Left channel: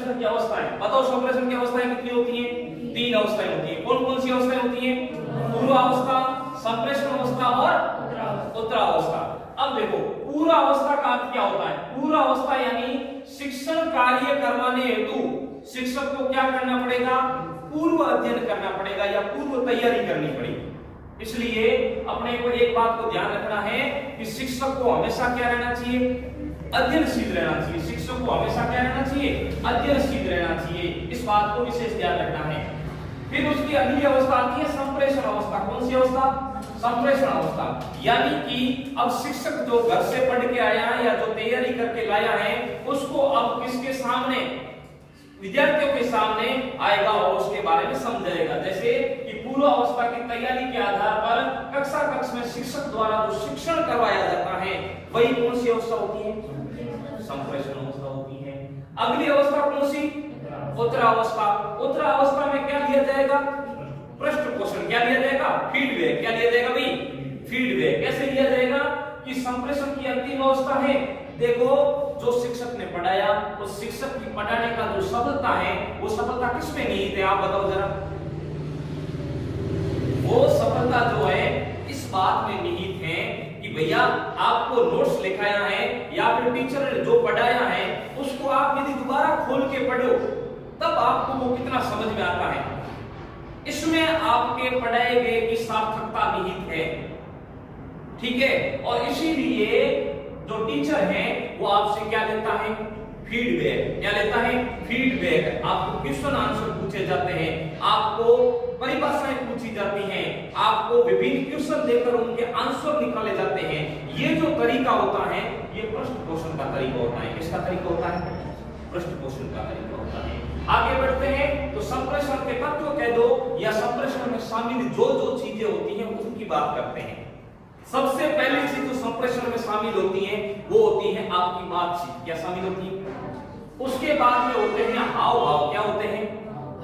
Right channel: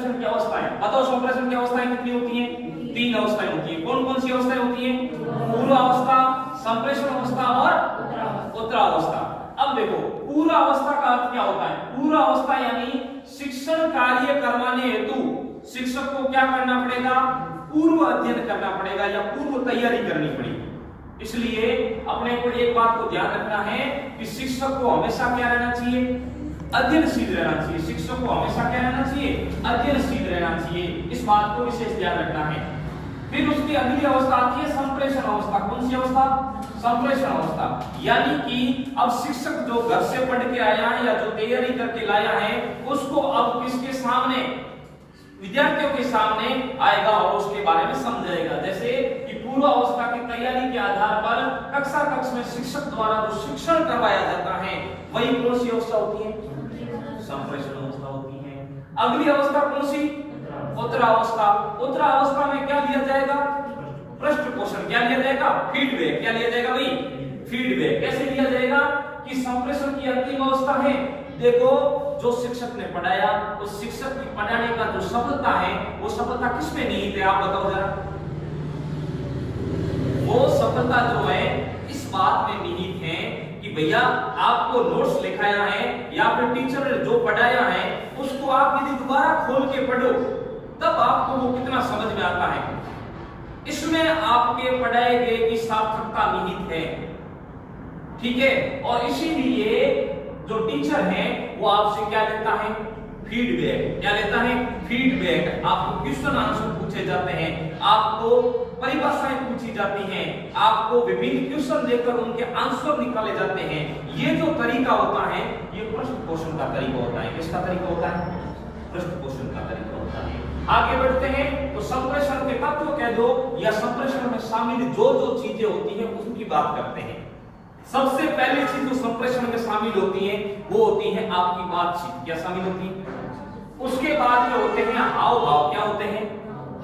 संप्रेषण की अवस्थाएं बताओ। संप्रेषण की अवस्थाएं कितनी होती हैं? 3 अवस्थाएं होती हैं। कौन कौन सी अवस्थाएं होती हैं? पूर्वावस्था, संप्रेषण अवस्था और उत्तरावस्था। अब देखो पूर्वावस्था का अर्थ क्या होता है? पूर्वावस्था यानी शिक्षण कार्य करवाने हेतु शिक्षक को क्या करना पड़ेगा? पूर्व अध्ययन करना पड़ेगा या पूर्व तैयारी करनी पड़ेगी। इसलिए अपने को एक बात को ध्यान रखना है कि शिक्षक को हमेशा क्या रहना चाहिए? अध्ययनशील रहना चाहिए। शिक्षक को हमेशा क्या रहना चाहिए? अध्ययनशील रहना चाहिए। इस बात को विशेष ध्यान रखना है। फिर उसकी अगली अवस्था आती है संप्रेषण अवस्था। कौन सी अवस्था? संप्रेषण अवस्था। यानी कि अब शिक्षक जो घर से पढ़ के आया है या जो तैयारी करके लाया है उसको अब किसके सामने? विद्यार्थियों के सामने आएगा और उसके बारे में समझाएगा। जैसे कि पूर्व अवस्था की तैयारी के आधार पर कक्षा कक्ष में शिक्षक द्वारा जो शिक्षण करवाया जाता है वही कौन सी अवस्था होती है? संप्रेषण अवस्था होती है। अगली अवस्था कौन सी? उत्तरावस्था। उत्तरावस्था में क्या लिया जाएगा? पृष्ठ पोषण। क्या लिया जाएगा? फीडबैक। क्या लिया जाएगा भाई? फीडबैक। कैसे लिया जाएगा? कि संप्रेषण की अंतिम अवस्था है, देखो जो शिक्षक ने पढ़ाया उस शिक्षक की पढ़ाने का जो सफलता है वो सफलता किसमें निहित है? आप बताओ जरा। वो सफलता जो है इस बात में निहित है कि भैया आपको नोट्स लिखाया है या फिर टीचर ने जो पढ़ाया है उसको आप यदि दोबारा खोल के पढ़ो तब आपको वो कितना समझ में आता है। इसमें आपके पढ़ाए गए की सार्थकता निहित है। ठीक है। और इसीलिए जो टीचर है वो आपसे क्या लेता है? फीडबैक। क्या लेता है? फीडबैक। आपको क्वेश्चन आंसर पूछे जाते हैं, आपको परिभाषाएं पूछी जाती हैं, आपको विभिन्न क्वेश्चन देकर उनके आंसर निकाले जाते हैं। ये जो तरीका होता है ये पृष्ठ पोषण का तरीका होता है। किसका तरीका होता है? पृष्ठ पोषण का तरीका होता है। आगे बढ़ते हैं तो संप्रेषण के तत्व कह दो या संप्रेषण में शामिल जो जो चीजें होती हैं उनकी बात करते हैं। सबसे पहली चीज जो संप्रेषण में शामिल होती है वो होती है आपकी बातचीत। क्या शामिल होती है? उसके बाद में होते हैं हाव भाव। क्या होते हैं?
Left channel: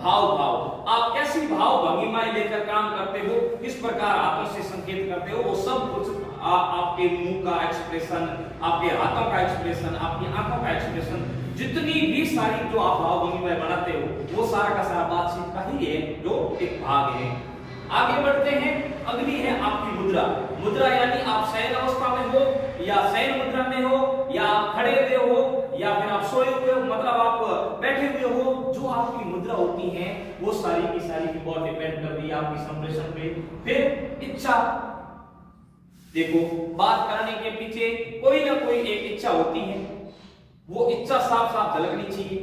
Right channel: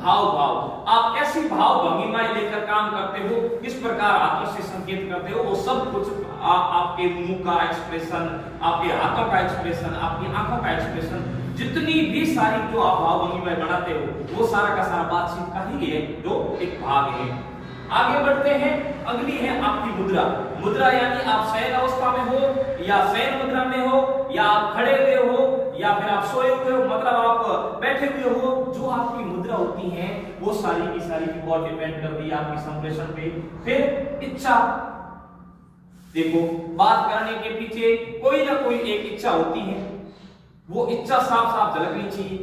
हाव भाव। आप कैसी भाव भंगिमाएं लेकर काम करते हो, किस प्रकार आपस से संकेत करते हो, वो सब कुछ आपके मुंह का एक्सप्रेशन, आपके हाथों का एक्सप्रेशन, आपकी आंखों का एक्सप्रेशन, जितनी भी सारी जो आप भाव भंगिमाएं बनाते हो वो सारा का सारा बातचीत का ही है जो एक भाग है। आगे बढ़ते हैं। अगली है आपकी मुद्रा। मुद्रा यानी आप शयन अवस्था में हो या शयन मुद्रा में हो या आप खड़े हुए हो या फिर आप सोए हुए हो, मतलब आप बैठे हुए हो। जो आपकी मुद्रा होती है वो सारी की सारी बहुत डिपेंड करती है आपकी संप्रेषण पे। फिर इच्छा। देखो बात करने के पीछे कोई ना कोई एक इच्छा होती है, वो इच्छा साफ साफ झलकनी चाहिए।